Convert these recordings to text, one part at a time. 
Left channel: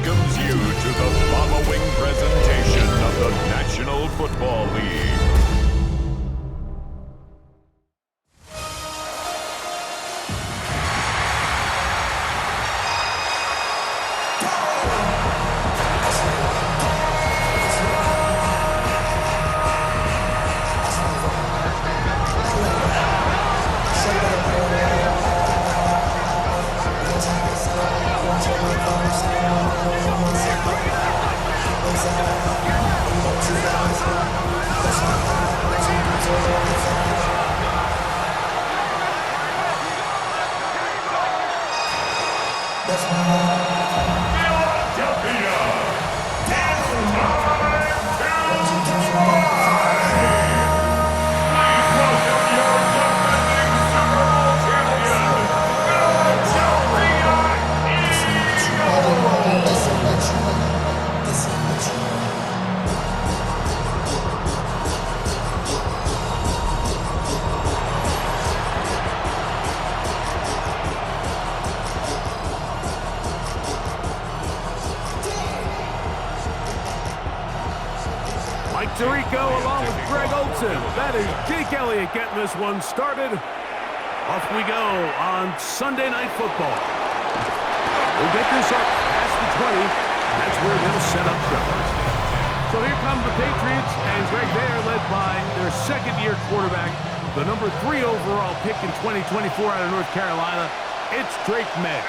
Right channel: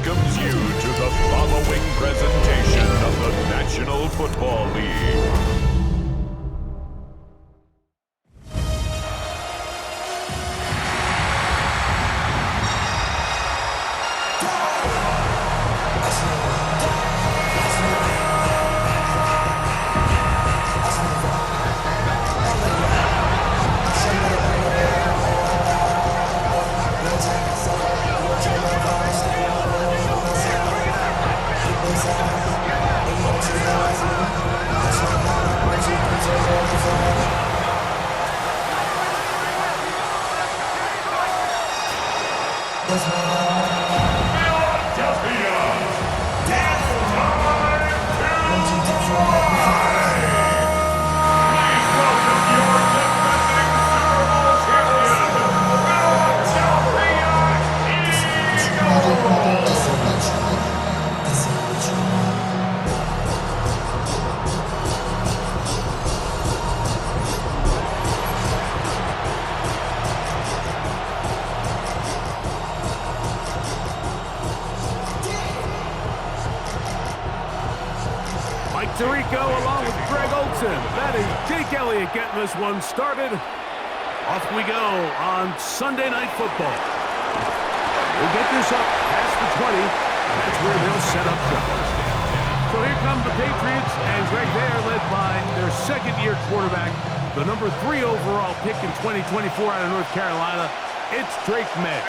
welcomes you to the following presentation of the National Football League. Philadelphia, it's time to fly! Please welcome your defending Super Bowl champion, Philadelphia Eagles! Mike Tirico along with Greg Olson. That is Jake Elliott getting this one started. Off we go on Sunday Night Football. We'll get this up past the 20, and that's where they'll set up shop. So here come the Patriots, and Greg, they are led by their second-year quarterback, the number 3 overall pick in 2024 out of North Carolina. It's Drake May.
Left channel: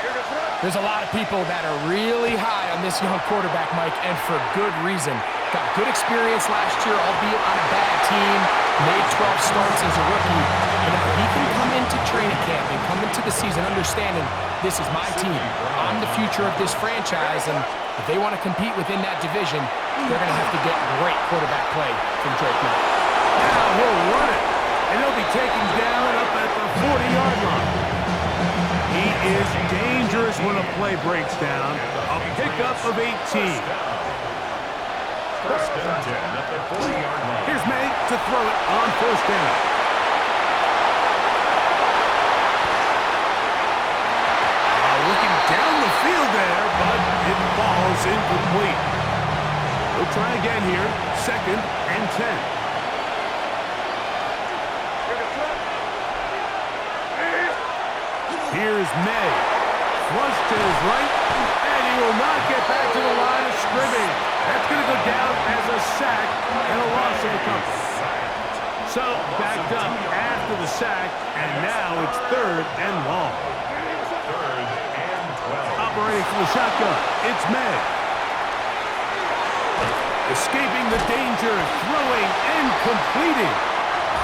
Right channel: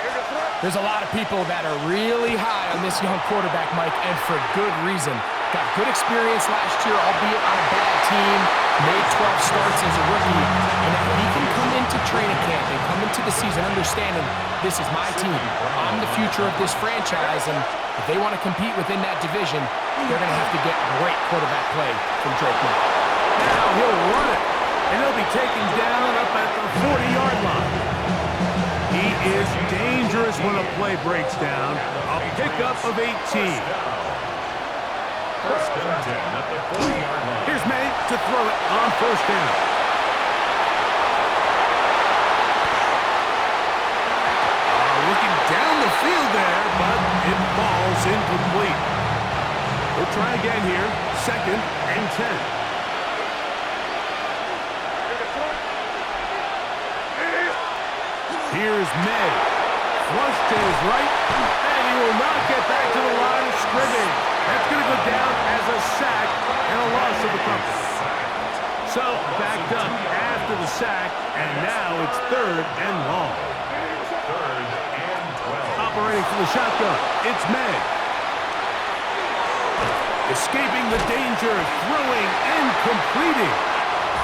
There's a lot of people that are really high on this young quarterback, Mike, and for good reason. Got good experience last year, albeit on a bad team. Made 12 starts as a rookie. And now he can come into training camp and come into the season understanding this is my team. I'm the future of this franchise, and if they want to compete within that division, they're going to have to get great quarterback play from Drake May. Now he'll run it, and he'll be taken down up at the 40-yard line. He is dangerous when a play breaks down. A pickup of 18. First and 10 at the 40-yard line. Here's May to throw it on first down. Looking down the field there, but it falls incomplete. He'll try again here. Second and 10. Here's May. Flush to his right, and he will not get back to the line of scrimmage. That's going to go down as a sack and a loss of a couple. So, backed up after the sack, and now it's third and long. Third and 12. Operating from the shotgun, it's May. Escaping the danger, throwing and completing.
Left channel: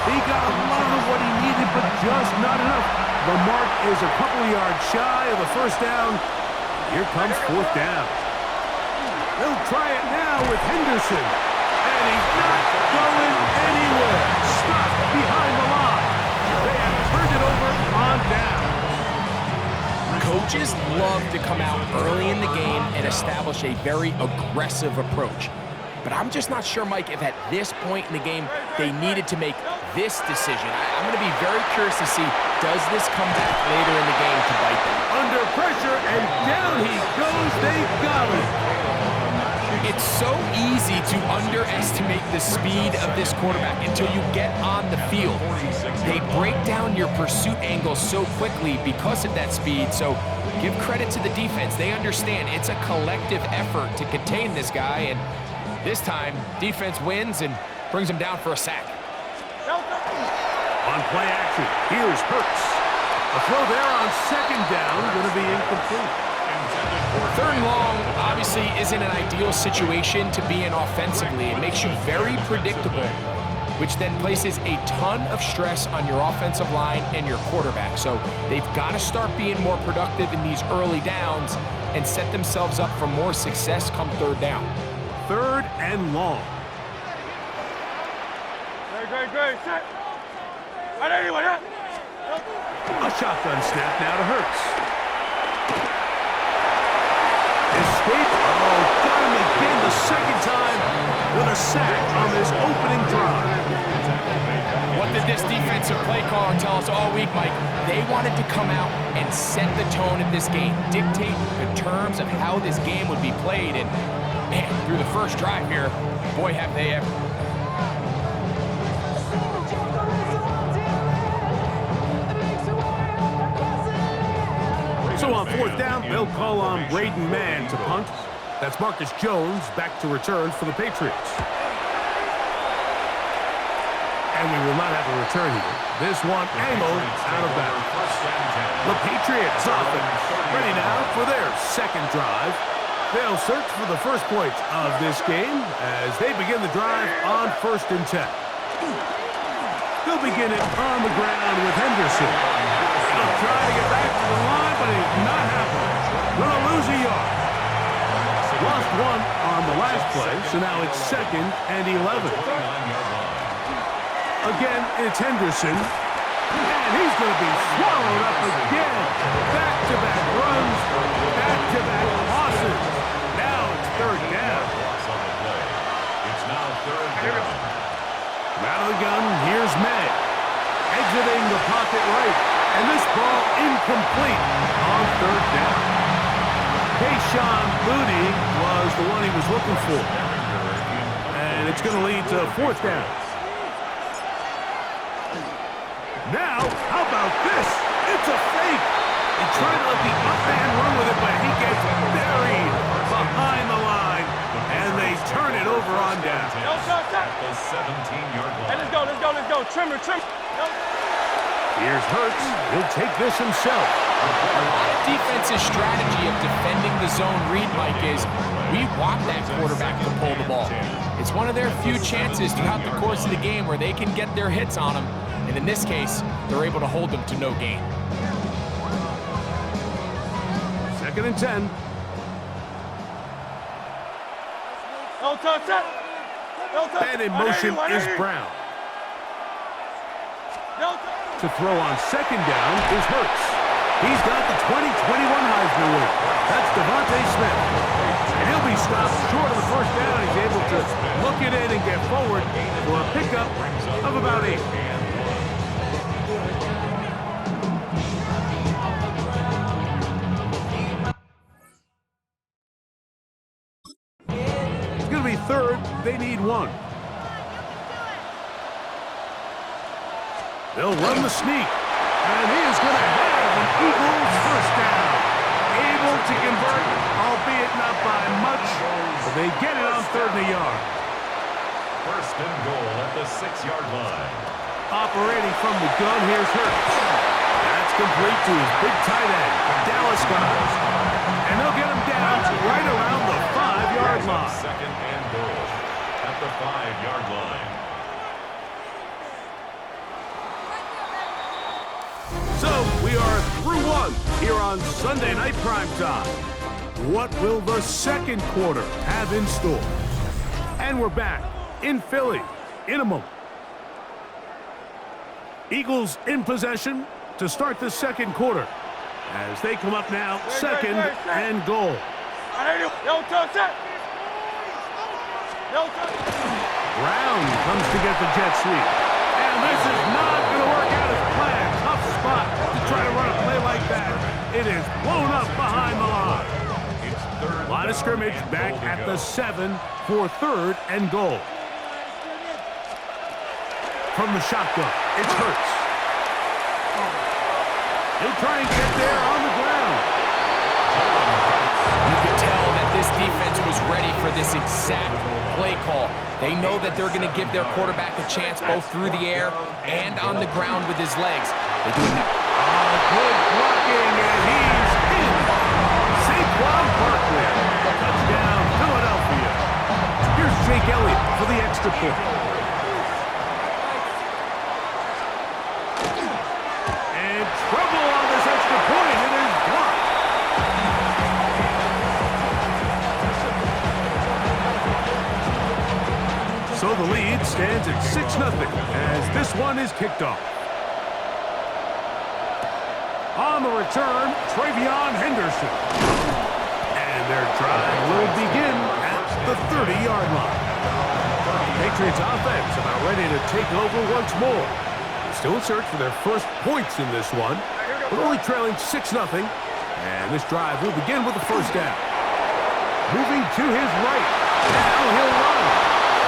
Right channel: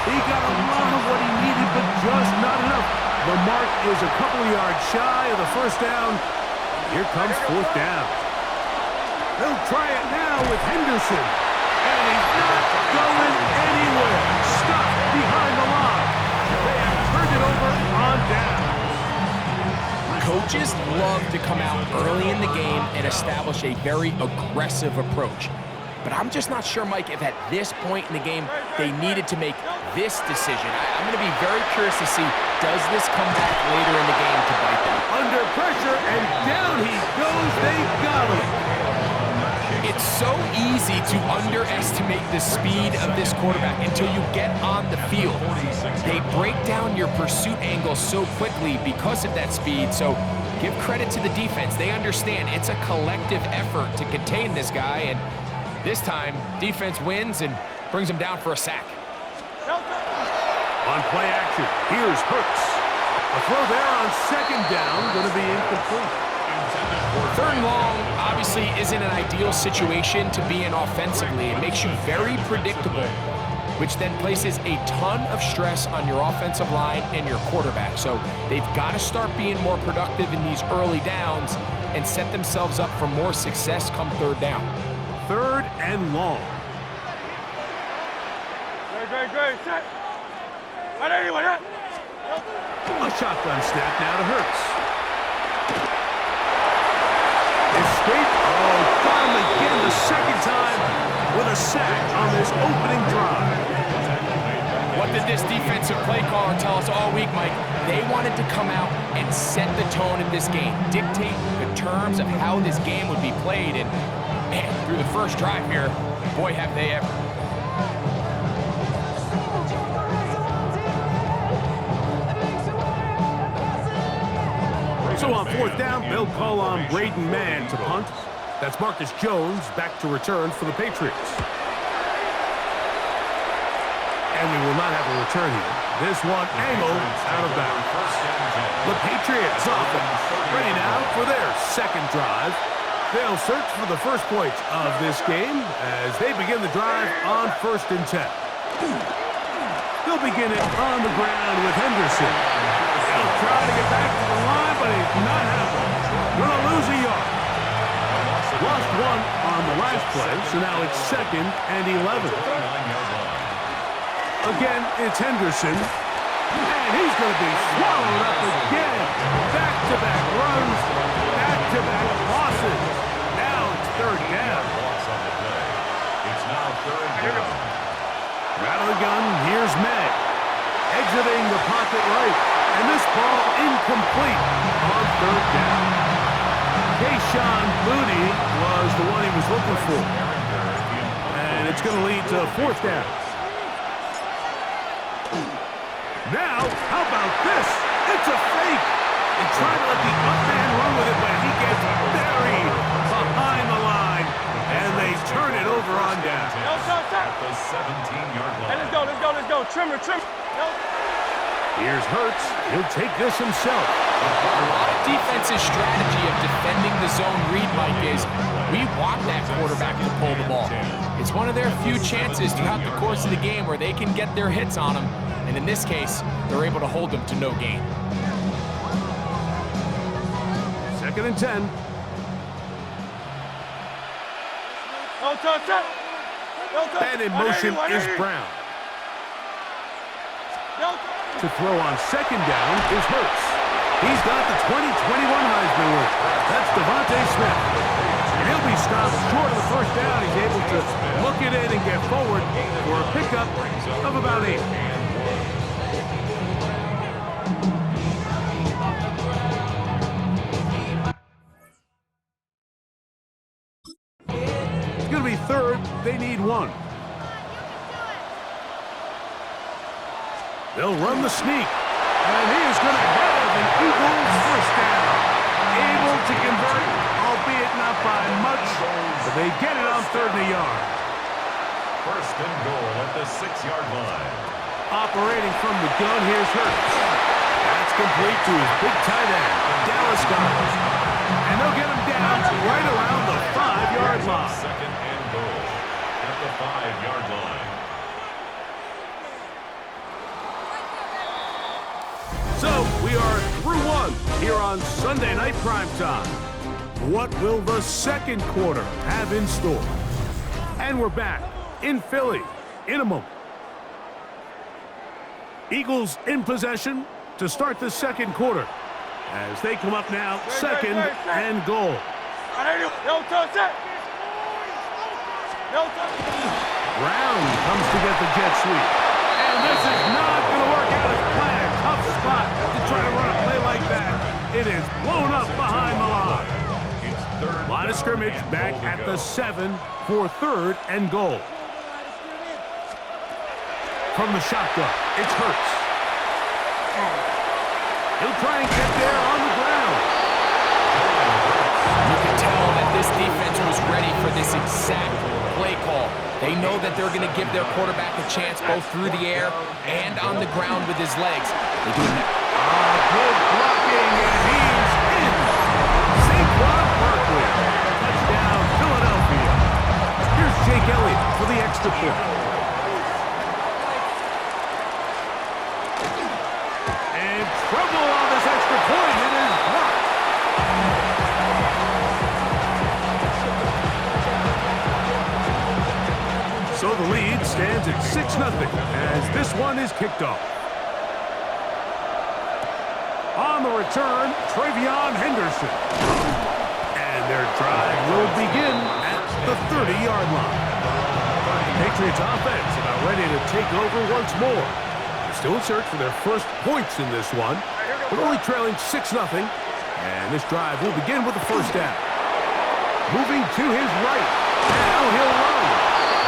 He got a lot of what he needed, but just not enough. The mark is a couple of yards shy of the first down. Here comes fourth down. They'll try it now with Henderson. And he's not going anywhere. Stopped behind the line. They have turned it over on down. Coaches love to come out early in the game and establish a very aggressive approach. But I'm just not sure, Mike, if at this point in the game they needed to make this decision. I'm going to be very curious to see, does this come back later in the game to bite them? Under pressure, and down he goes. They got him. It's so easy to underestimate the speed of this quarterback until you get on the field. They break down your pursuit angle so quickly because of that speed. So give credit to the defense. They understand it's a collective effort to contain this guy, and this time, defense wins and brings him down for a sack. On play action, here's Hurts. A throw there on second down, going to be incomplete. Third and long obviously isn't an ideal situation to be in offensively. It makes you very predictable, which then places a ton of stress on your offensive line and your quarterback. So they've got to start being more productive in these early downs and set themselves up for more success come third down. Third and long. Great. Set. A shotgun snap now to Hurts. Escape. Oh, got him again the second time with a sack on this opening drive. What did this defensive play caller tell us all week, Mike? They wanted to come out and set the tone of this game, dictate the terms of how this game would be played, and man, through the first drive here, boy, have they ever. So on fourth down, they'll call on Braden Mann to punt. That's Marcus Jones back to return for the Patriots. And we will not have a return here. This one angled out of bounds. The Patriots offense ready now for their second drive. They'll search for the first points of this game as they begin the drive on 1st and 10. They'll begin it on the ground with Henderson. He'll try to get back to the line, but it's not happening. Gonna lose a yard. Lost one on the last play, so now it's 2nd and 11. Again, it's Henderson. And he's going to be swallowed up again. Back-to-back runs, back-to-back losses. Now it's 3rd down. It's now 3rd down. Out of the gun, here's May. Exiting the pocket right. And this ball incomplete on 3rd down. Kayshon Boutte was the one he was looking for. And it's going to lead to 4th down. Now, how about this? It's a fake. They try to let the up man run with it, but he gets buried behind the line, and they turn it over on down. At the 17-yard line. Hey, let's go. Trimmer. Here's Hurts. He'll take this himself. A lot of defense's strategy of defending the zone read, Mike, is we want that quarterback to pull the ball. It's one of their few chances throughout the course of the game where they can get their hits on him. And in this case, they're able to hold them to no gain. 2nd and 10. And in motion is Brown. To throw on 2nd down is Hurts. He's got the 2021 Heisman winner. That's Devontae Smith. And he'll be stopped short of the 1st down. He's able to look it in and get forward for a pickup of about 8. It's going to be 3rd. They need 1. They'll run the sneak. And he is going to have an Eagles 1st down. Able to convert, albeit not by much, but they get it on 3rd and a yard. 1st and goal at the 6-yard line. Operating from the gun, here's Hurts. That's complete to his big tight end, Dallas Goedert. And they'll get him down right around the 5-yard line. 2nd and goal at the 5-yard line. So we are through 1 here on Sunday Night Primetime. What will the 2nd quarter have in store? And we're back in Philly in a moment. Eagles in possession to start the 2nd quarter as they come up now 2nd and goal. Brown comes to get the jet sweep. And this is not going to work out as planned. Tough spot to try to run a play like that. It is blown up behind the line. Line of scrimmage back at the 7 for 3rd and goal. From the shotgun, it's Hurts. He'll try and get there on the ground. You can tell that this defense was ready for this exact play call. They know that they're going to give their quarterback a chance both through the air and on the ground with his legs. They do it now. Good blocking, and he's in. Saquon Barkley. Touchdown, Philadelphia. Here's Jake Elliott for the extra point. And trouble on this extra point. It is blocked. So the lead stands at 6-0 as this one is kicked off. On the return, Travion Henderson. And their drive will begin at the 30-yard line. Patriots offense about ready to take over once more. They're still in search for their first points in this one. We're only trailing 6-0, and this drive will begin with the first down. Moving to his right. Now he'll run.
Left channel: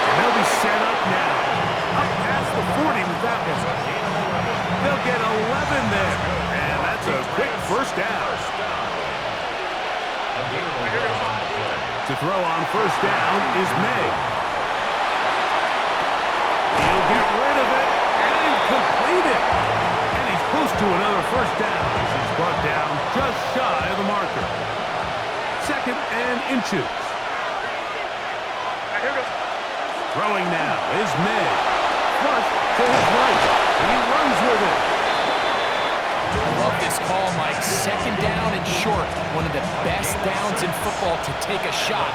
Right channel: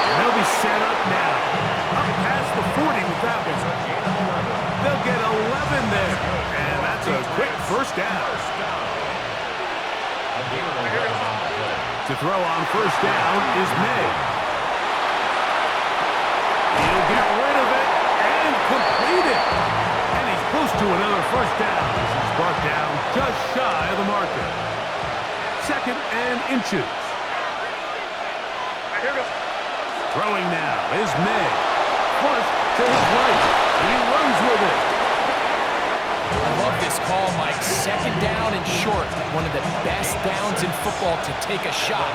And they'll be set up now. Up past the 40 with that one. They'll get 11 there. And that's a quick first down. To throw on first down is May. He'll get rid of it and complete it. And he's close to another first down as he's brought down just shy of the marker. 2nd and inches. Throwing now is May. Flush to his right. He runs with it. I love this call, Mike. 2nd down and short. One of the best downs in football to take a shot.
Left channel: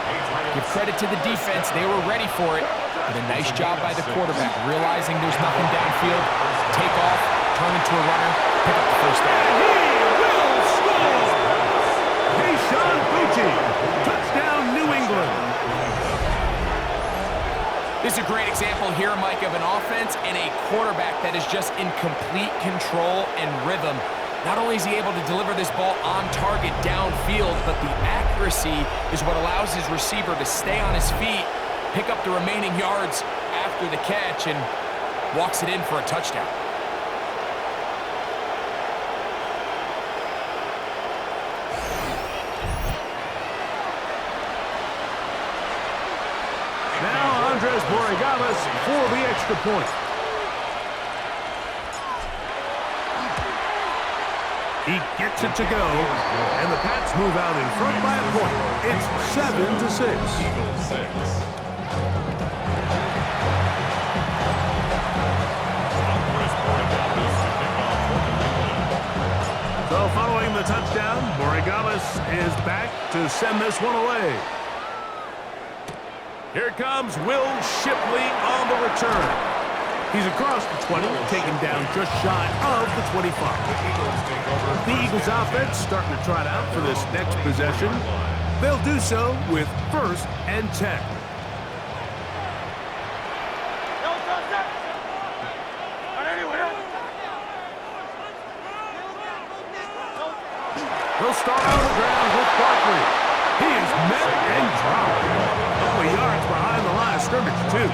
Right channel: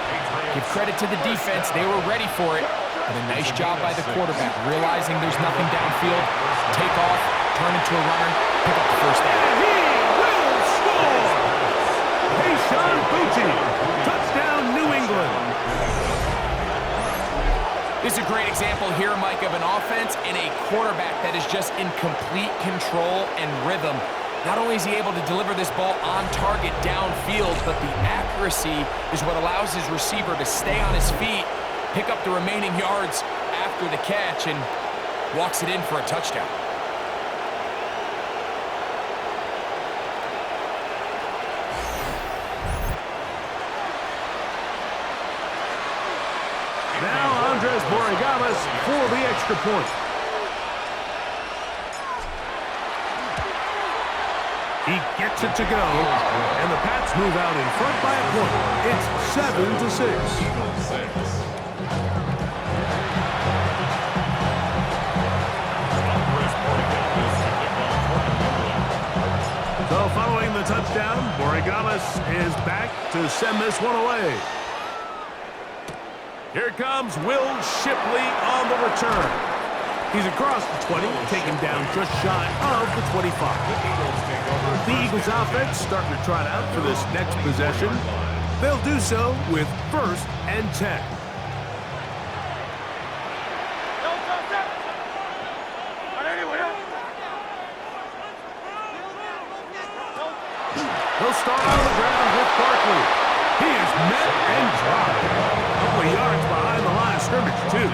Give credit to the defense. They were ready for it. But a nice job by the quarterback, realizing there's nothing downfield. Take off, turn into a runner, pick up the first down. And he will score! Sean Bucci, touchdown New England. This is a great example here, Mike, of an offense and a quarterback that is just in complete control and rhythm. Not only is he able to deliver this ball on target downfield, but the accuracy is what allows his receiver to stay on his feet, pick up the remaining yards after the catch, and walks it in for a touchdown. Now Andres Borregales for the extra point. He gets it to go, and the Pats move out in front by a point. It's 7-6. So following the touchdown, Borregales is back to send this one away. Here comes Will Shipley on the return. He's across the 20, taken down just shy of the 25. The Eagles offense starting to trot out for this next possession. They'll do so with 1st and 10. They'll start on the ground with Barkley. He is met and dropped. A couple of yards behind the line of scrimmage, too.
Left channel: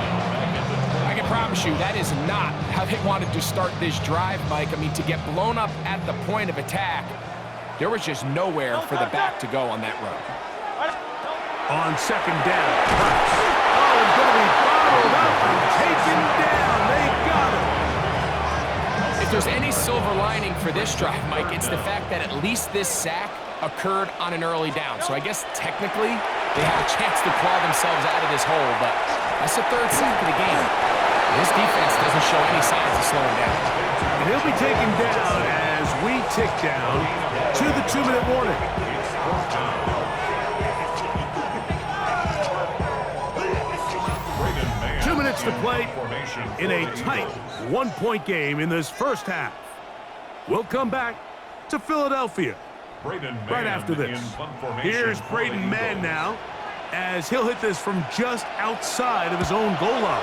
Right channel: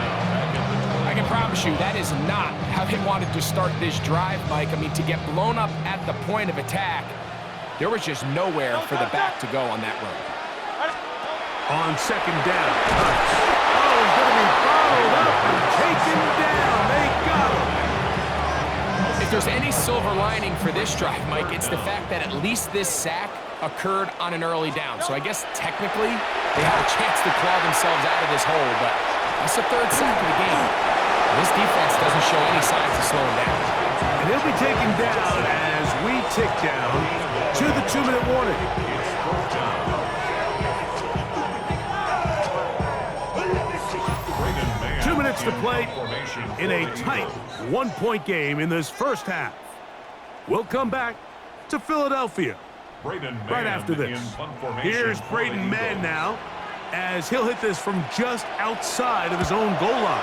I can promise you that is not how they wanted to start this drive, Mike. I mean, to get blown up at the point of attack, there was just nowhere for the back to go on that run. On 2nd down, Hurts. Oh, he's going to be bottled up and taken down. They got him. If there's any silver lining for this drive, Mike, it's the fact that at least this sack occurred on an early down. So I guess technically they have a chance to claw themselves out of this hole, but that's the 3rd sack of the game. This defense doesn't show any signs of slowing down. And he'll be taken down as we tick down to the 2-minute warning. 2 minutes to play in a tight 1-point game in this first half. We'll come back to Philadelphia right after this. Here's Braden Mann now as he'll hit this from just outside of his own goal line.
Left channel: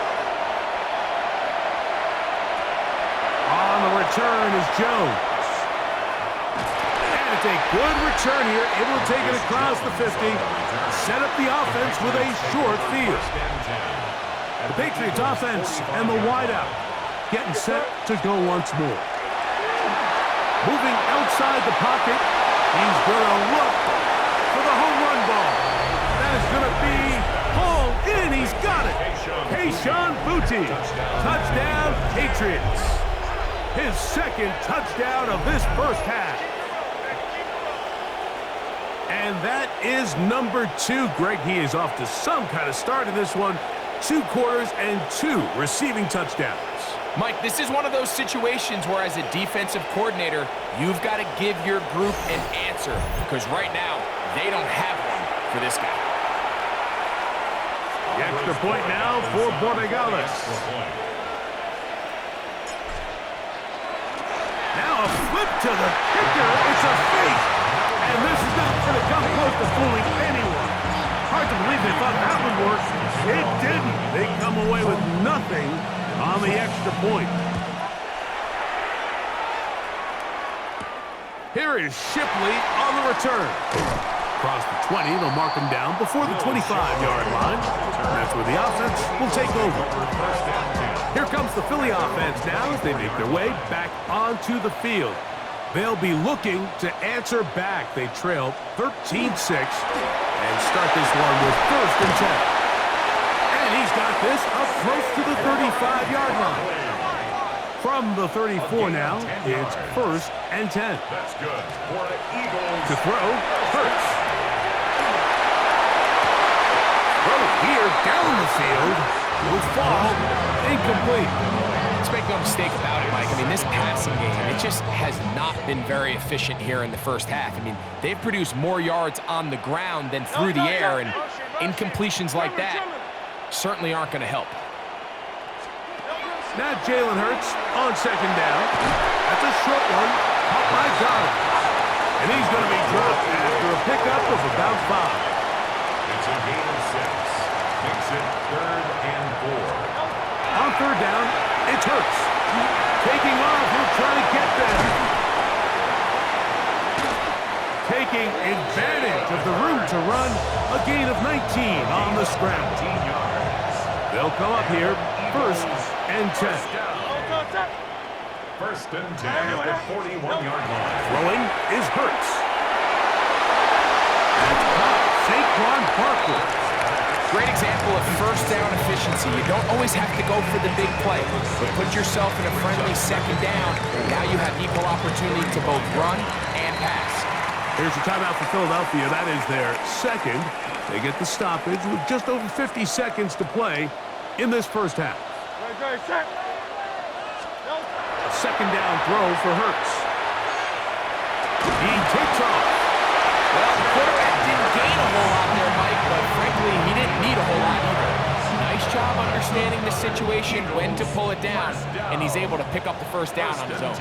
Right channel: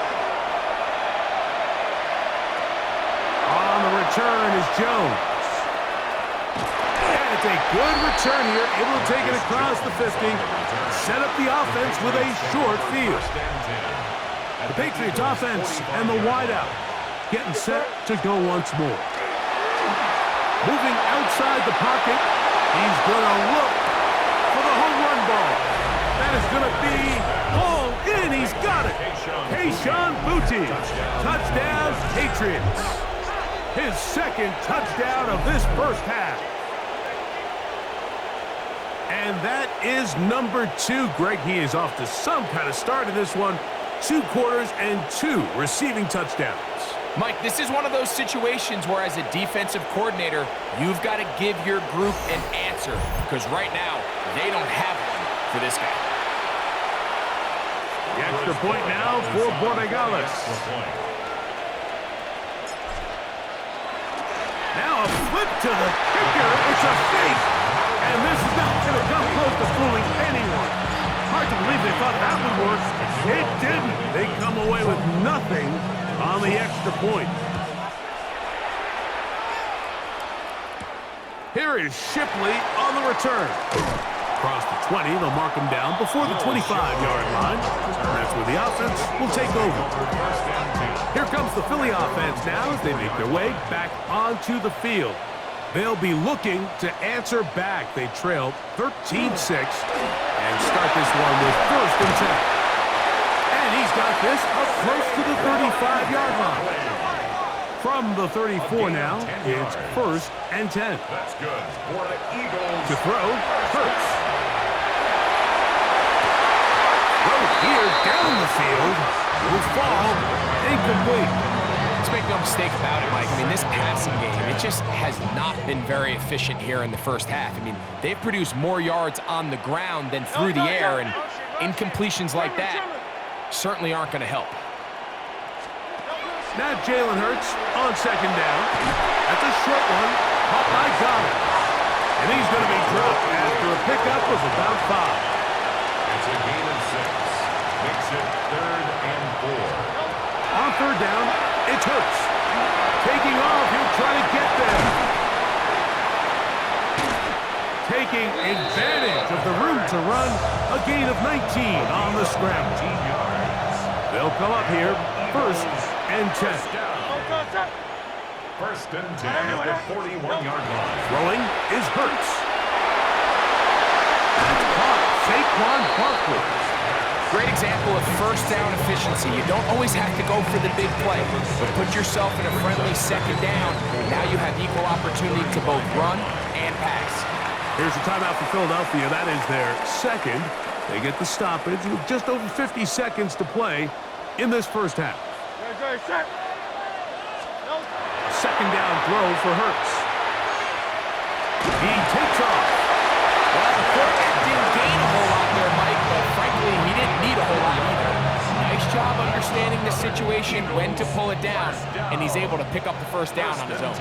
On the return is Jones. And it's a good return here, able to take it across the 50, set up the offense with a short field. The Patriots offense and the wideout getting set to go once more. Moving outside the pocket, he's going to look for the home run ball. That is going to be hauled in. He's got it. Sean Bucci. Touchdown, Patriots. His 2nd touchdown of this first half. And that is number 2. Greg, he is off to some kind of start in this one. 2 quarters and 2 receiving touchdowns. Mike, this is one of those situations where as a defensive coordinator, you've got to give your group an answer because right now, they don't have one for this guy. The extra point now for Borregales. Now a flip to the kicker. It's a fake. And this is not going to come close to fooling anyone. Hard to believe they thought that would work. It didn't. They come away with nothing on the extra point. Here is Shipley on the return. Across the 20, they'll mark him down before the 25-yard line. And that's where the offense will take over. Here comes the Philly offense now as they make their way back onto the field. They'll be looking to answer back. They trail 13-6 and start this one with 1st and 10. And he's got this up close to the 35-yard line. From the 34 now, it's 1st and 10. That's good for the Eagles. To throw, Hurts. Throw here down the field. Will fall. Incomplete. Let's make no mistake about it, Mike. I mean, this passing game, it just has not been very efficient here in the first half. I mean, they've produced more yards on the ground than through the air, and incompletions like that certainly aren't going to help. Now Jalen Hurts on 2nd down. That's a short one. Caught by Goddard. And he's going to be dropped after a pickup of about 5. It's a gain of 6. Makes it 3rd and 4. On 3rd down, it's Hurts. Taking off, he'll try to get there. Taking advantage of the room to run, a gain of 19 on the scramble. 19 yards. They'll come up here, 1st and 10. 1st and 10 at the 41-yard line. Throwing is Hurts. That's caught. Saquon Barkley. Great example of 1st down efficiency. You don't always have to go for the big play, but put yourself in a friendly 2nd down. Now you have equal opportunity to both run and pass. Here's a timeout for Philadelphia. That is their 2nd. They get the stoppage with just over 50 seconds to play in this first half. A 2nd down throw for Hurts. He takes off. Well, the quarterback didn't gain a whole lot there, Mike, but frankly, he didn't need a whole lot either. Nice job understanding the situation, when to pull it down, and he's able to pick up the 1st down on his own.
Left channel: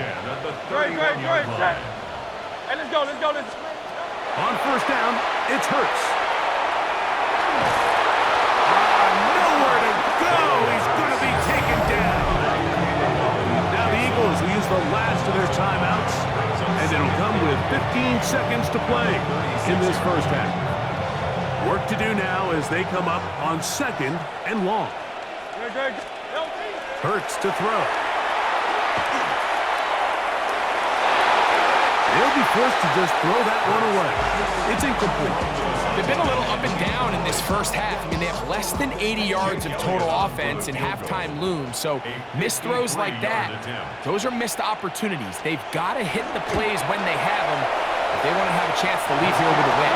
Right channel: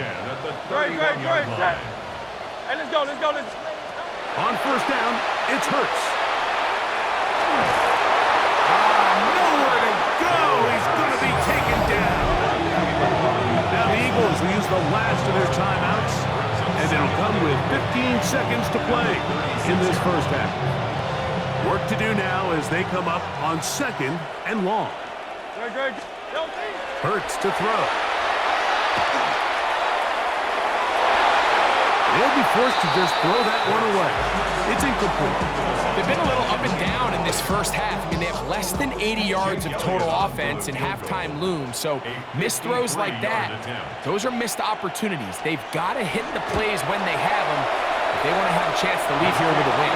Great. Hey, let's go. On 1st down, it's Hurts. Nowhere to go. He's going to be taken down. Now the Eagles will use the last of their timeouts, and it'll come with 15 seconds to play in this first half. Work to do now as they come up on 2nd and long. Hurts to throw. They'll be forced to just throw that one away. It's incomplete. They've been a little up and down in this first half. I mean, they have less than 80 yards of total offense in halftime looms. So missed throws like that, those are missed opportunities. They've got to hit the plays when they have them if they want to have a chance to leave here with a win.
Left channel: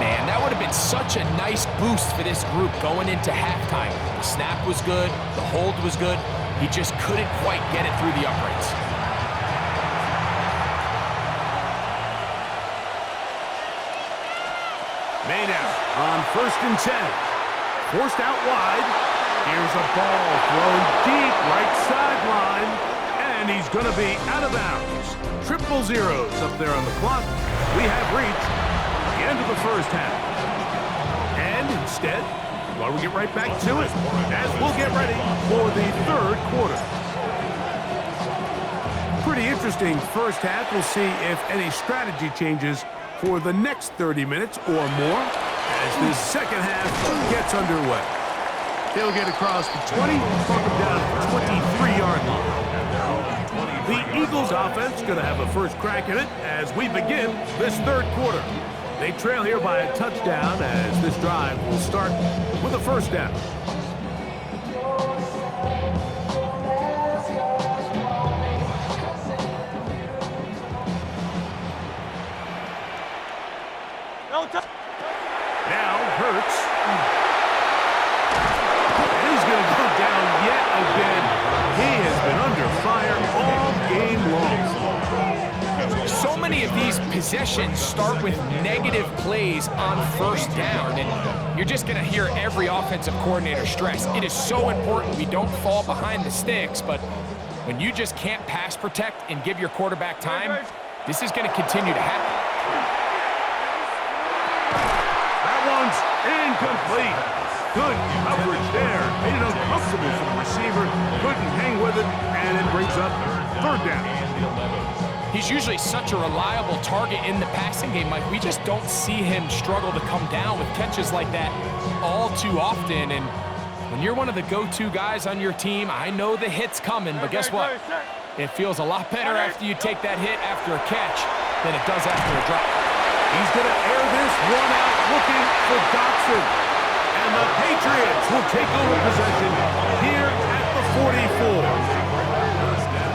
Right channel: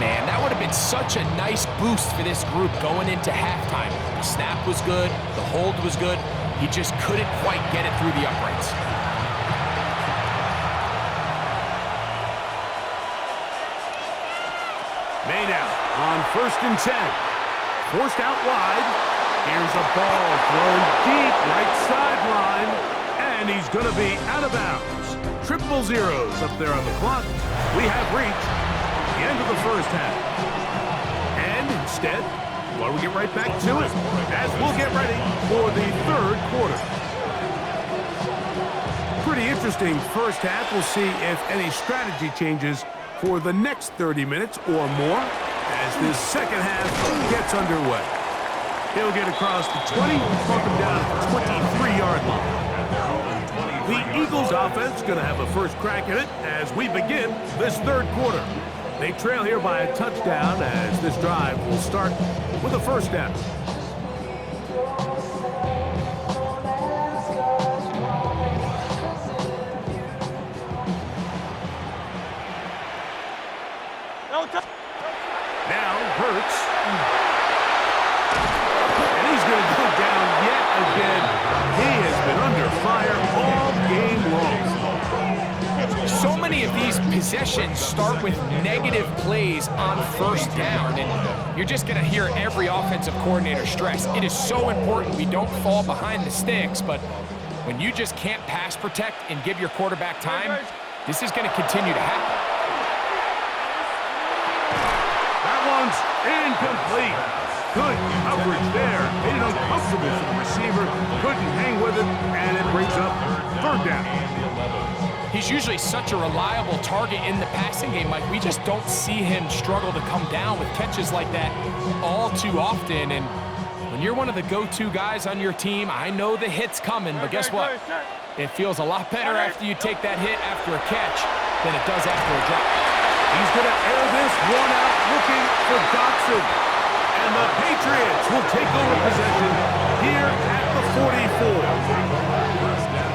Man, that would have been such a nice boost for this group going into halftime. The snap was good. The hold was good. He just couldn't quite get it through the uprights. Made out on 1st and 10. Forced out wide. Here's a ball thrown deep right sideline. And he's going to be out of bounds. 0-0 up there on the clock. We have reached the end of the first half. And instead, well, we get right back to it as we'll get ready for the 3rd quarter. Pretty interesting first half. We'll see if any strategy changes for the next 30 minutes or more as this 2nd half gets underway. He'll get across the 20, mark him down at the 23-yard line. The Eagles offense going to have a first crack at it as we begin this 3rd quarter. They trail here by a touchdown as this drive will start with a 1st down. Now Hurts. And he's going to go down yet again. He has been under fire all game long. So many of these possessions start with negative plays on 1st down, and you're just going to hear every offensive coordinator stress. It is so important we don't fall behind the sticks, but when you just can't pass protect and give your quarterback time, this is going to continue to happen. That one's incomplete. Good coverage there. Made it uncomfortable for the receiver. Couldn't hang with it, and it brings up third down. He's usually such a reliable target in the passing game, Mike. We just don't see him struggle to come down with catches like that all too often. And when you're one of the go-to guys on your team, I know the hit's coming, but guess what? It feels a lot better after you take that hit after a catch than it does after a drop. He's going to air this one out looking for Dotson. And the Patriots will take over possession here at the 44.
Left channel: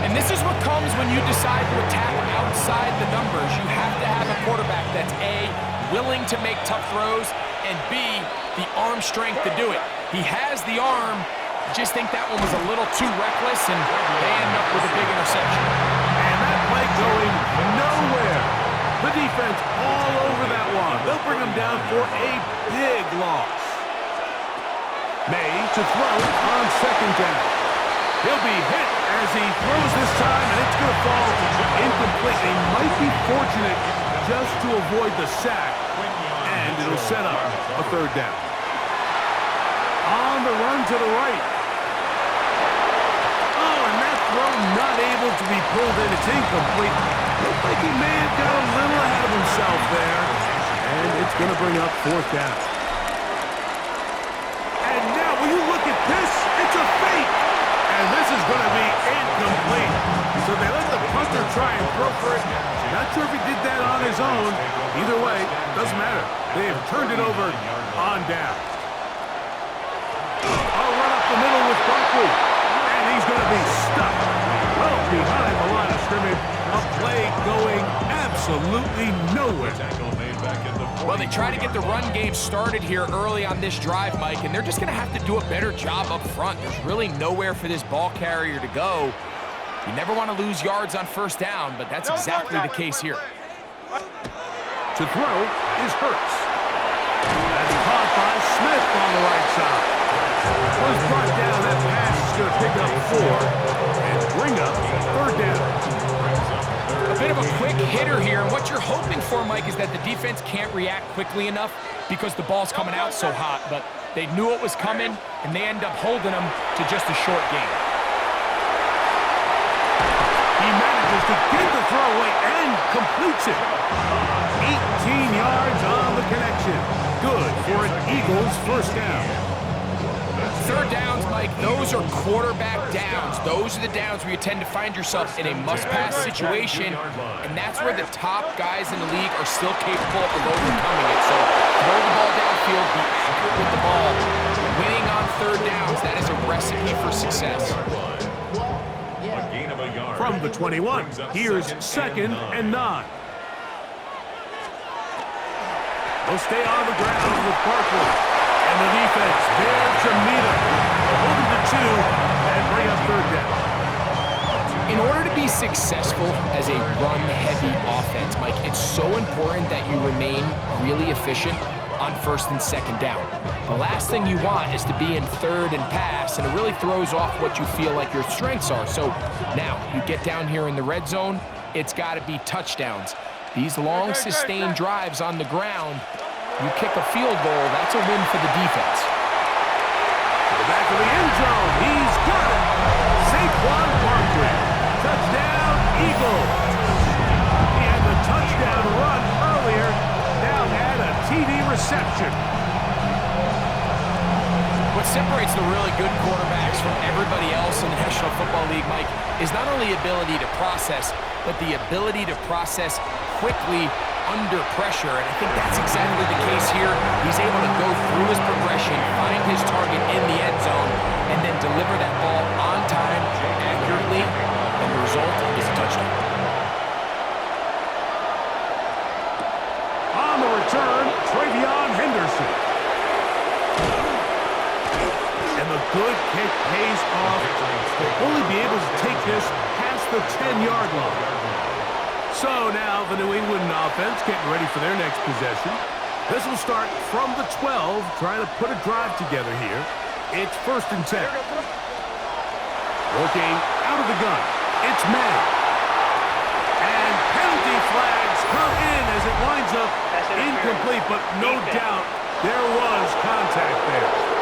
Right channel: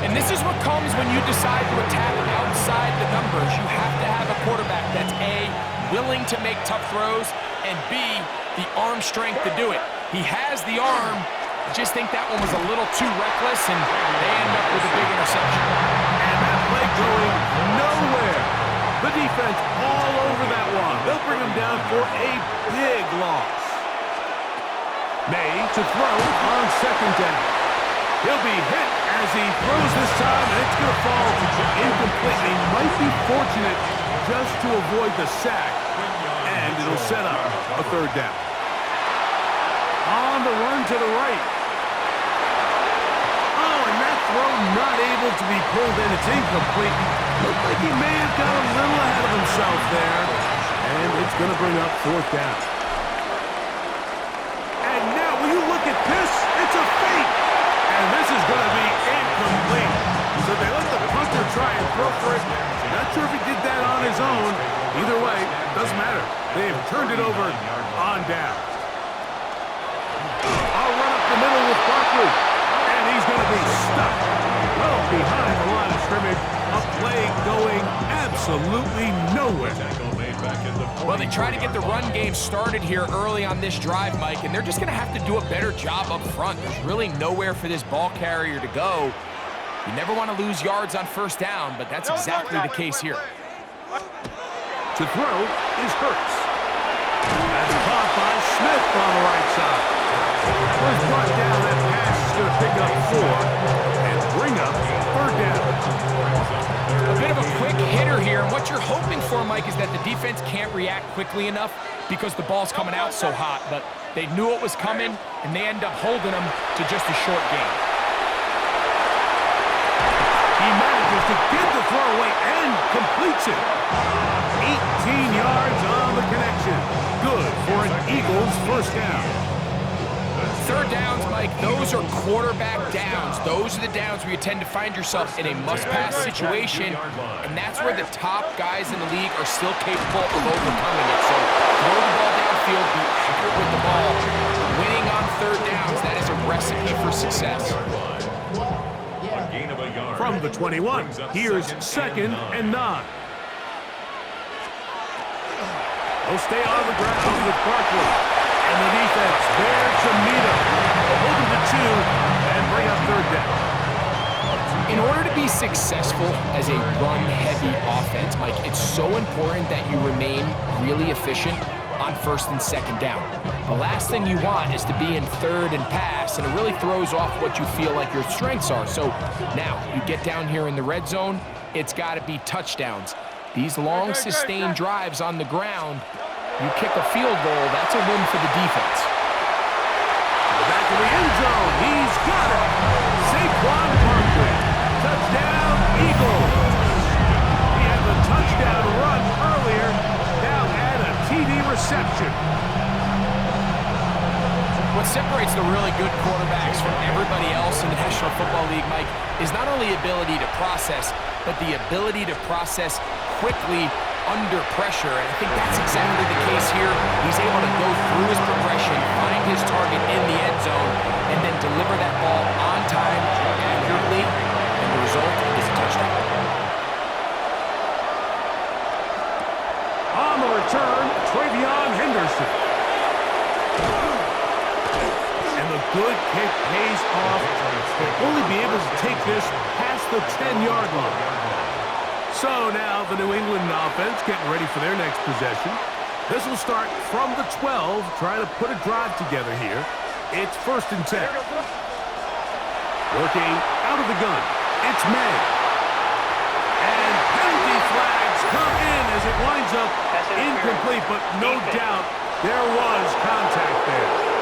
And this is what comes when you decide to attack outside the numbers. You have to have a quarterback that's A, willing to make tough throws, and B, the arm strength to do it. He has the arm. I just think that one was a little too reckless, and they end up with a big interception. And that play going nowhere. The defense all over that one. They'll bring him down for a big loss. May to throw on second down. He'll be hit as he throws this time, and it's going to fall incomplete. He might be fortunate just to avoid the sack, and it'll set up a third down. On the run to the right. Oh, and that throw not able to be pulled in. It's incomplete. Looked like he may have got a little ahead of himself there, and it's going to bring up fourth down. And now, will you look at this? It's a fake. And this is going to be incomplete. So they let the punter try and throw for it. Not sure if he did that on his own. Either way, doesn't matter. They have turned it over on down. I'll run up the middle with Barkley. And he's going to be stuck well behind the line of scrimmage. A play going absolutely nowhere. Well, they try to get the run game started here early on this drive, Mike, and they're just going to have to do a better job up front. There's really nowhere for this ball carrier to go. You never want to lose yards on first down, but that's exactly the case here. To throw is Hurts. That's caught by Smith on the right side. Was brought down. That pass is going to pick up 4 and bring up third down. A bit of a quick hitter here, and what you're hoping for, Mike, is that the defense can't react quickly enough because the ball's coming out so hot, but they knew it was coming, and they end up holding them to just a short gain. He manages to get the throw away and completes it. 18 yards on the connection. Good for an Eagles first down. Third downs, Mike, those are quarterback downs. Those are the downs where you tend to find yourself in a must-pass situation, and that's where the top guys in the league are still capable of overcoming it. So throw the ball downfield, be accurate with the ball. Winning on third downs, that is a recipe for success. From the 21, here's second and 9. They'll stay on the ground with Barkley. And the defense there to meet him. They'll hold him to 2 and bring up third down. In order to be successful as a run-heavy offense, Mike, it's so important that you remain really efficient on first and second down. The last thing you want is to be in third and pass, and it really throws off what you feel like your strengths are. So now you get down here in the red zone, it's got to be touchdowns. These long, sustained drives on the ground, you kick a field goal, that's a win for the defense. To the back of the end zone, he's got it. Saquon Barkley, touchdown Eagles. He had the touchdown run earlier, now had a TD reception. What separates the really good quarterbacks from everybody else in the National Football League, Mike, is not only ability to process, but the ability to process quickly under pressure, and I think that's exactly the case here. He's able to go through his progression, find his target in the end zone, and then deliver that ball on time, accurately, and the result is a touchdown. On the return, Travion Henderson. And the good kick pays off. They'll only be able to take this past the 10-yard line. So now the New England offense getting ready for their next possession. This will start from the 12, trying to put a drive together here. It's first and 10. Working out of the gun. It's May. And penalty flags come in as it winds up incomplete, but no doubt there was contact there.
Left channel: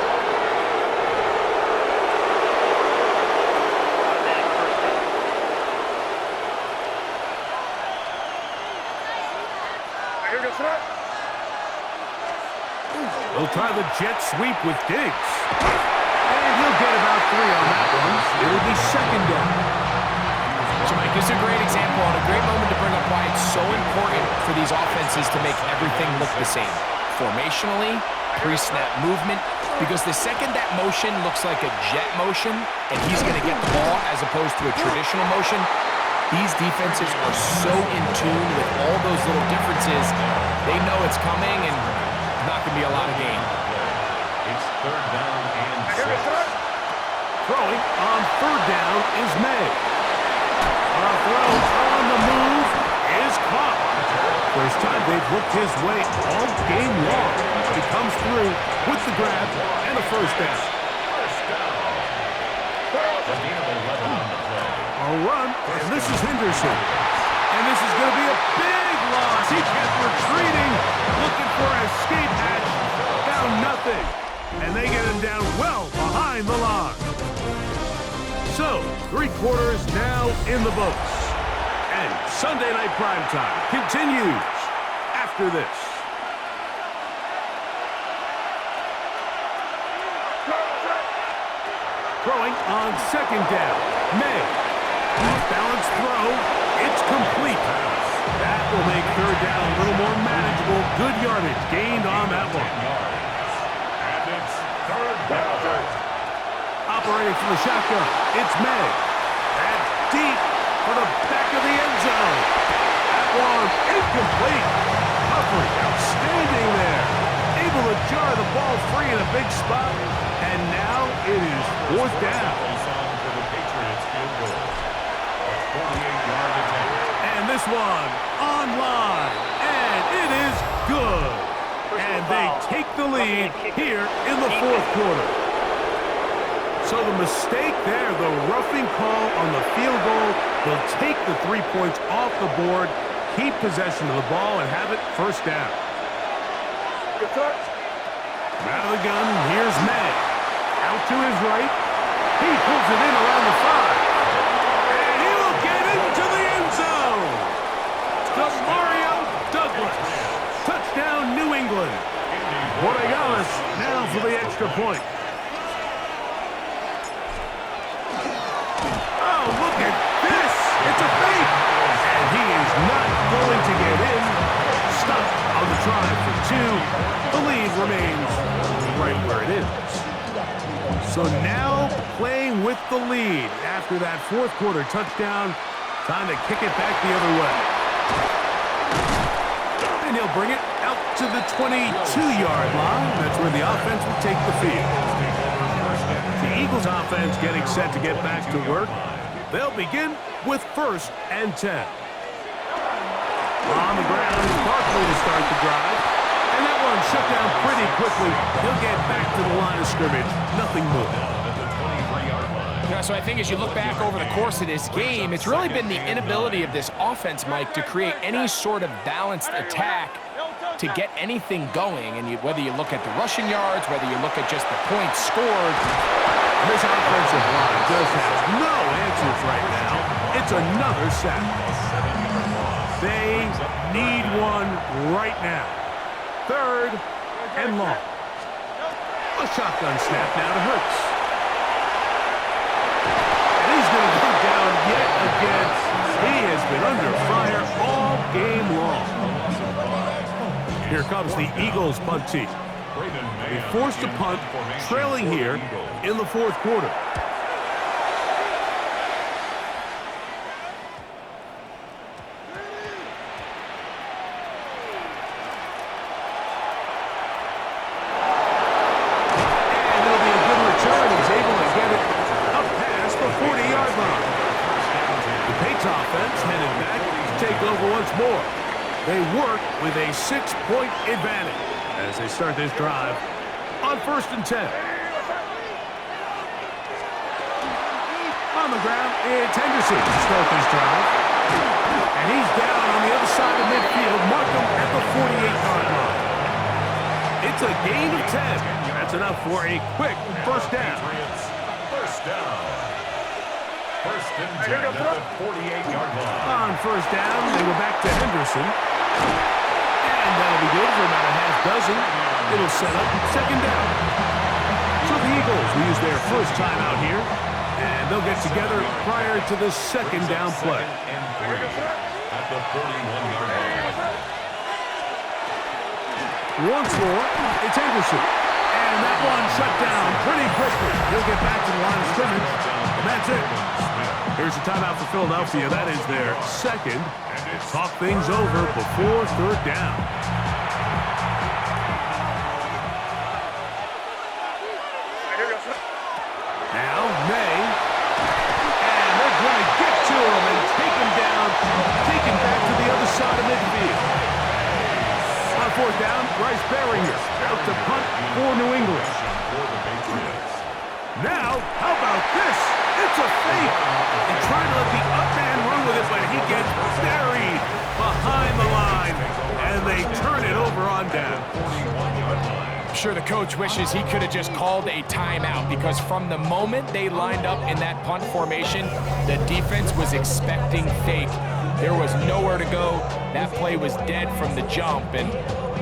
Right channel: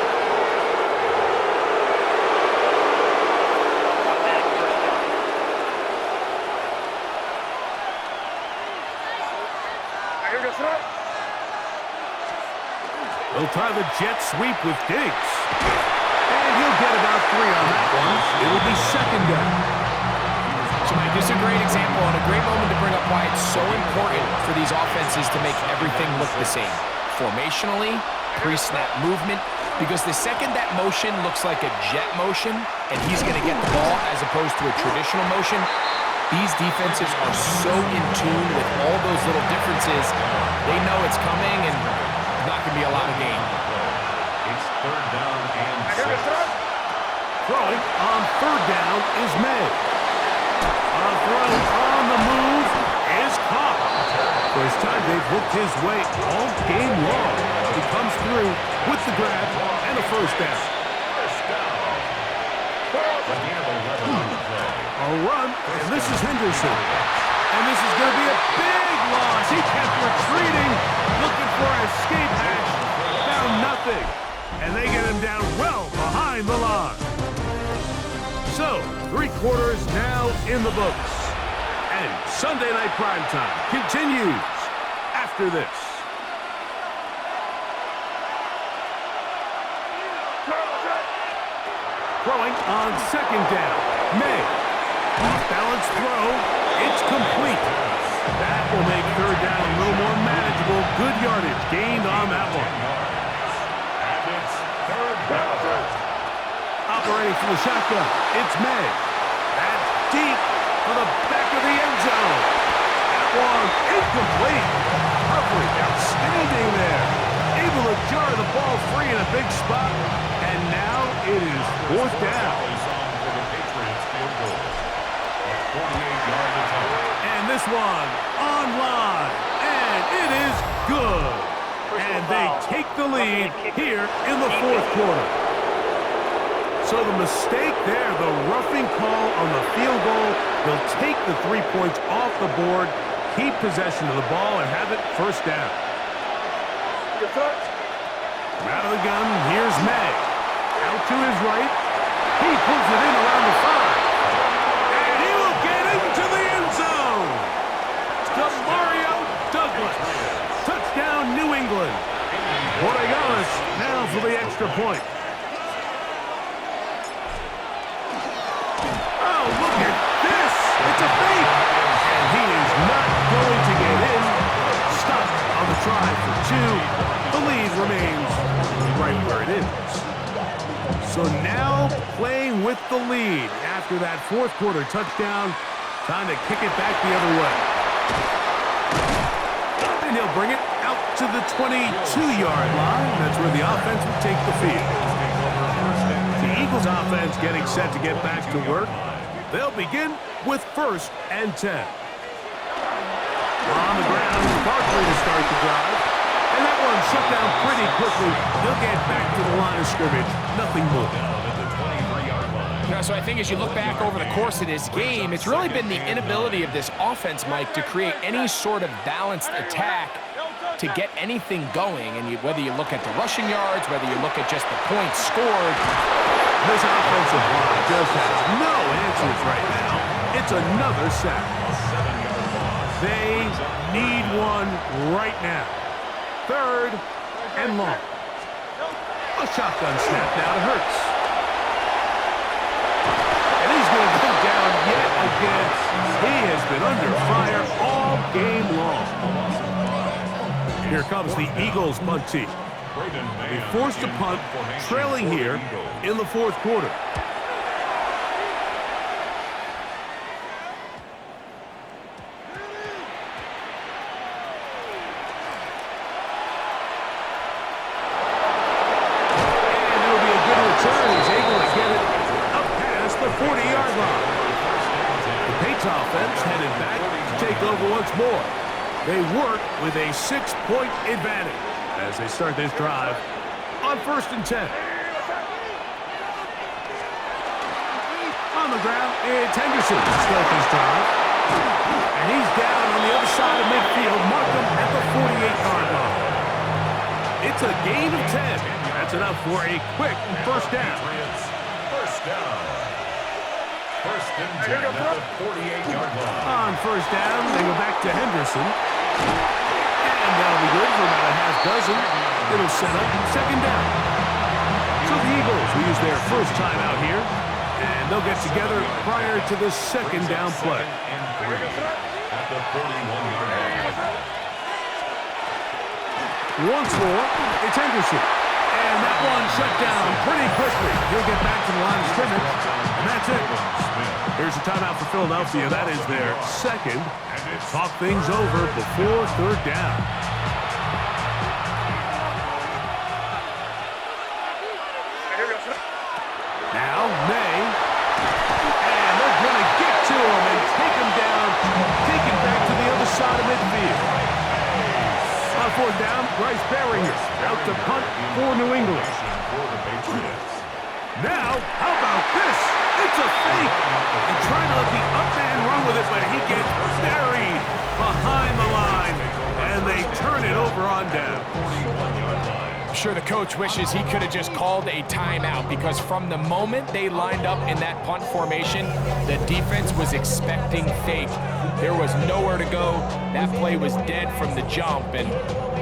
He'll try the jet sweep with Diggs. And he'll get about 3 on that one. It'll be second down. So, Mike, this is a great example and a great moment to bring up why it's so important for these offenses to make everything look the same. Formationally, pre-snap movement, because the second that motion looks like a jet motion and he's going to get the ball as opposed to a traditional motion, these defenses are so in tune with all those little differences. They know it's coming and not going to be a lot of gain. It's third down and 6. Throwing on third down is May. A throw on the move is caught. First time they've looked his way all game long. He comes through with the grab and a first down. A run, and this is Henderson. And this is going to be a big loss. He kept retreating, looking for an escape hatch. Found nothing. And they get him down well behind the line. So, 3 quarters now in the books. And Sunday Night Primetime continues after this. Throwing on second down. May. Off-balance throw. It's complete. That will make third down a little more manageable. Good yardage gained on that one. And it's third down. Operating from the shotgun, it's May. That's deep for the back of the end zone. That one incomplete. Coverage outstanding there. Able to jar the ball free in a big spot. And now it is fourth down. For the Patriots field goal. A 48-yard attempt. And this one on line. And it is good. And they take the lead here in the fourth quarter. So the mistake there, the roughing call on the field goal, they'll take the 3 points off the board, keep possession of the ball, and have it first down. From out of the gun, here's May. Out to his right. He pulls it in around the 5. And he will get into the end zone. To Mario Douglas. Touchdown, New England. Borregales now for the extra point. Oh, look at this. It's a fake. And he is not going to get in. Stopped on the try for 2. The lead remains right where it is. So now playing with the lead after that fourth quarter touchdown. Time to kick it back the other way. And he'll bring it out to the 22-yard line. That's where the offense will take the field. The Eagles offense getting set to get back to work. They'll begin with 1st and 10. On the ground, Barkley to start the drive. And that one shut down pretty quickly. He'll get back to the line of scrimmage. Nothing more. Yeah, so I think as you look back over the course of this game, it's really been the inability of this offense, Mike, to create any sort of balanced attack to get anything going. And whether you look at the rushing yards, whether you look at just the points scored, this offensive line just has no answers right now. It's another sack. They need one right now. 3rd and long. A shotgun snap now to Hurts. And he's going to go down yet again. He has been under fire all game long. Here comes the Eagles punt team. They forced a punt, trailing here in the fourth quarter. And it'll be a good return. He's able to get it up past the 40-yard line. The Patriots offense headed back to take over once more. They work with a 6-point advantage as they start this drive on 1st and 10. On the ground, it's Henderson to start this drive. And he's down on the other side of midfield. Mark him at the 48-yard line. It's a gain of 10. That's enough for a quick first down. First down. First and 10 at the 48-yard line. On first down, they go back to Henderson. And that'll be good for about a half dozen. It'll set up second down. So the Eagles will use their first time out here. And they'll get together prior to the second down play. And 3 at the 41-yard line. Once more, it's Henderson. And that one shut down pretty quickly. He'll get back to the line of scrimmage. And that's it. Here's a timeout for Philadelphia. That is their second. Talk things over before third down. Now, May. And they're going to get to him and take him down. Take him back to the other side of midfield. On fourth down, Bryce Baringer out to punt for New England. Now, how about this? It's a fake. And trying to let the up man run with it, but he gets buried behind the line. And they turn it over on down. I'm sure the coach wishes he could have just called a timeout, because from the moment they lined up in that punt formation, the defense was expecting fake. There was nowhere to go. That play was dead from the jump, and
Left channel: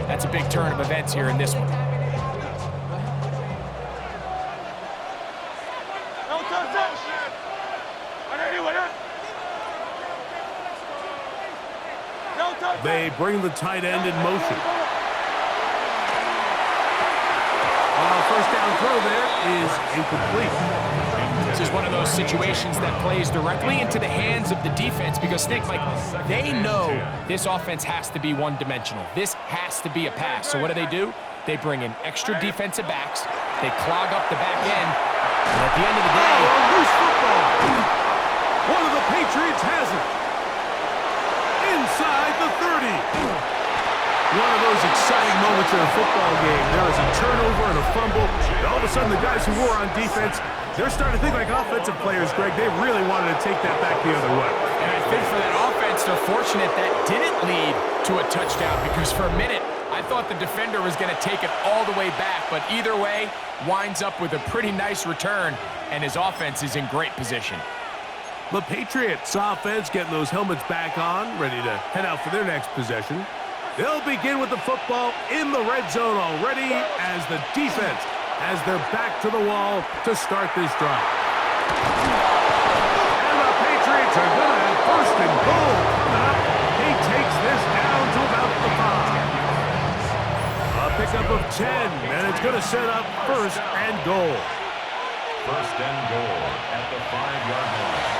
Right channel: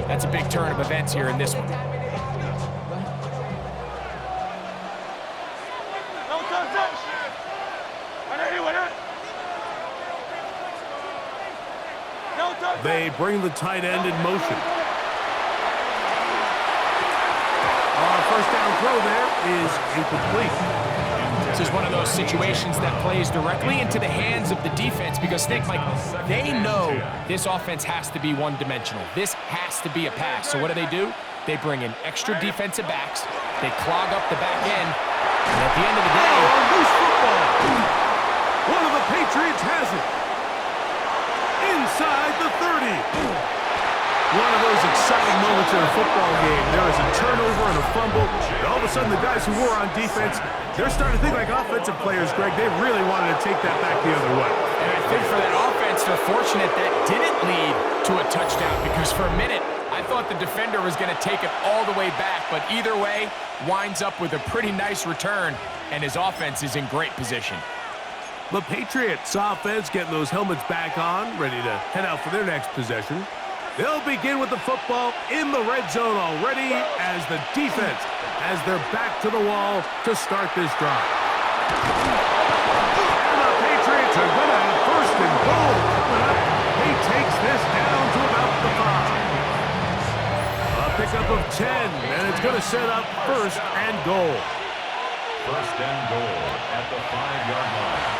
that's a big turn of events here in this one. They bring the tight end in motion. First down throw there is incomplete. This is one of those situations that plays directly into the hands of the defense, because, Nick, Mike, they know this offense has to be one-dimensional. This has to be a pass. So what do? They bring in extra defensive backs. They clog up the back end. And at the end of the day... Oh, a loose football. One of the Patriots has it. Inside the 30. One of those exciting moments in a football game. There is a turnover and a fumble. And all of a sudden, the guys who were on defense, they're starting to think like offensive players, Greg. They really wanted to take that back the other way. And I think for that offense, they're fortunate that didn't lead to a touchdown, because for a minute, I thought the defender was going to take it all the way back. But either way, winds up with a pretty nice return, and his offense is in great position. The Patriots offense getting those helmets back on, ready to head out for their next possession. They'll begin with the football in the red zone already as the defense has their back to the wall to start this drive. And the Patriots are going to have first and goal coming up. He takes this down to about the 5. A pickup of 10, and it's going to set up first and goal. First and goal at the 5-yard line.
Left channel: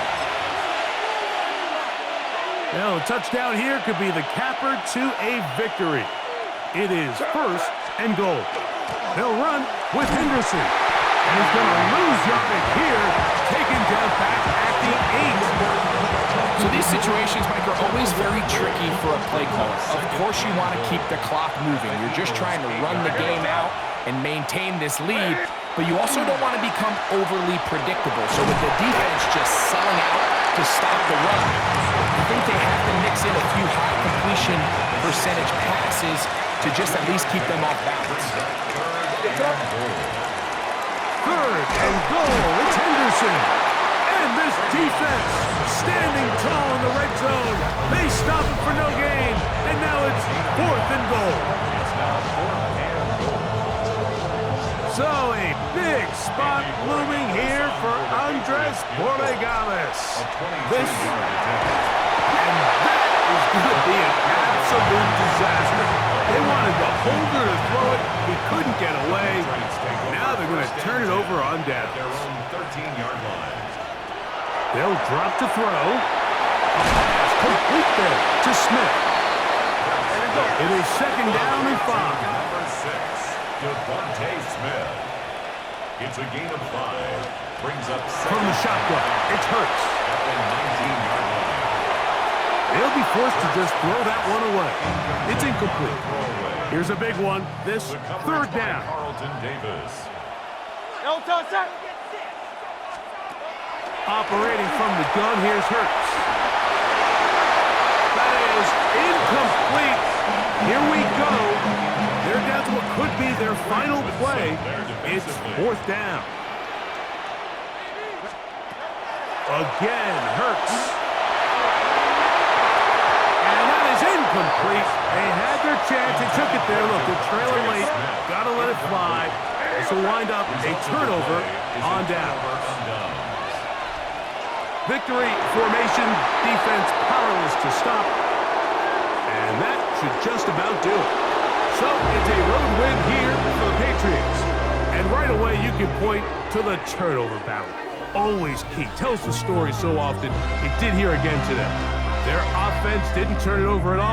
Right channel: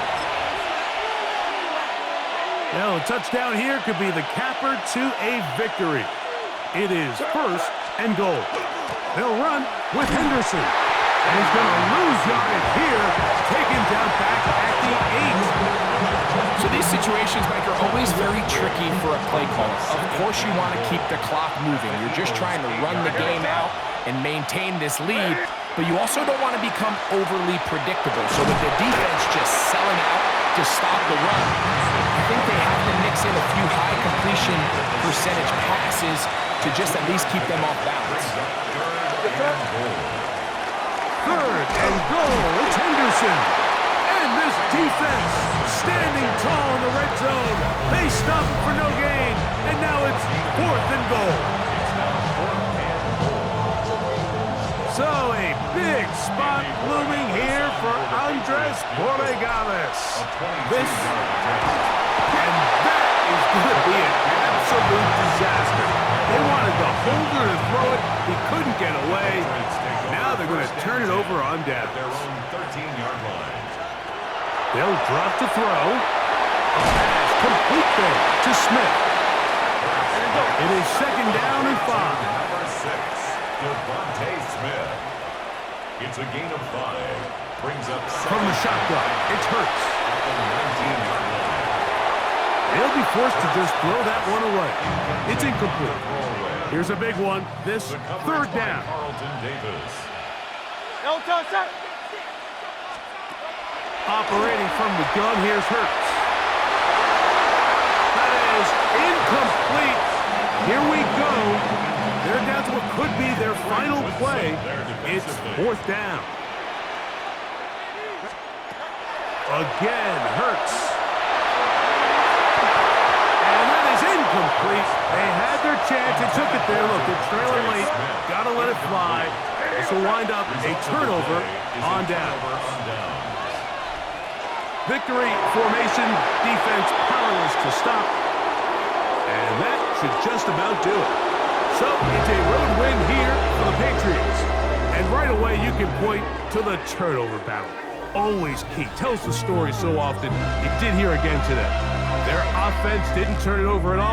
Now, a touchdown here could be the capper to a victory. It is first and goal. They'll run with Henderson. And he's going to lose yardage here, taken down back at the 8. So these situations, Mike, are always very tricky for a play caller. Of course you want to keep the clock moving. You're just trying to run the game out and maintain this lead, but you also don't want to become overly predictable. So with the defense just selling out to stop the run, I think they have to mix in a few high completion percentage passes to just at least keep them off balance. Third and goal. It's Henderson. And this defense standing tall in the red zone. They stop it for no gain. And now it's fourth and goal. So a big spot looming here for Andres Borregales. And that is going to be an absolute disaster. They wanted the holder to throw it. He couldn't get away. Now they're going to turn it over on down. Their own 13-yard line. They'll drop to throw. A pass complete there to Smith. It is second down and 5. Number 6, Devontae Smith. It's a gain of 5. Brings up second. From the shotgun, it's Hurts. At the 19-yard line. They'll be forced to just throw that one away. It's incomplete. Here's a big one. This third down. Carlton Davis. Operating from the gun, here's Hurts. That is incomplete. Here we go. They're down to what could be their final play. It's 4th down. Again, Hurts. And that is incomplete. They had their chance. They took it there. Look, they're trailing late. Got to let it fly. This will wind up a turnover on down. Victory formation, defense powerless to stop. And that should just about do it. So it's a road win here for the Patriots. And right away you can point to the turnover battle. Always key. Tells the story so often. It did here again today. Their offense didn't turn it over at all.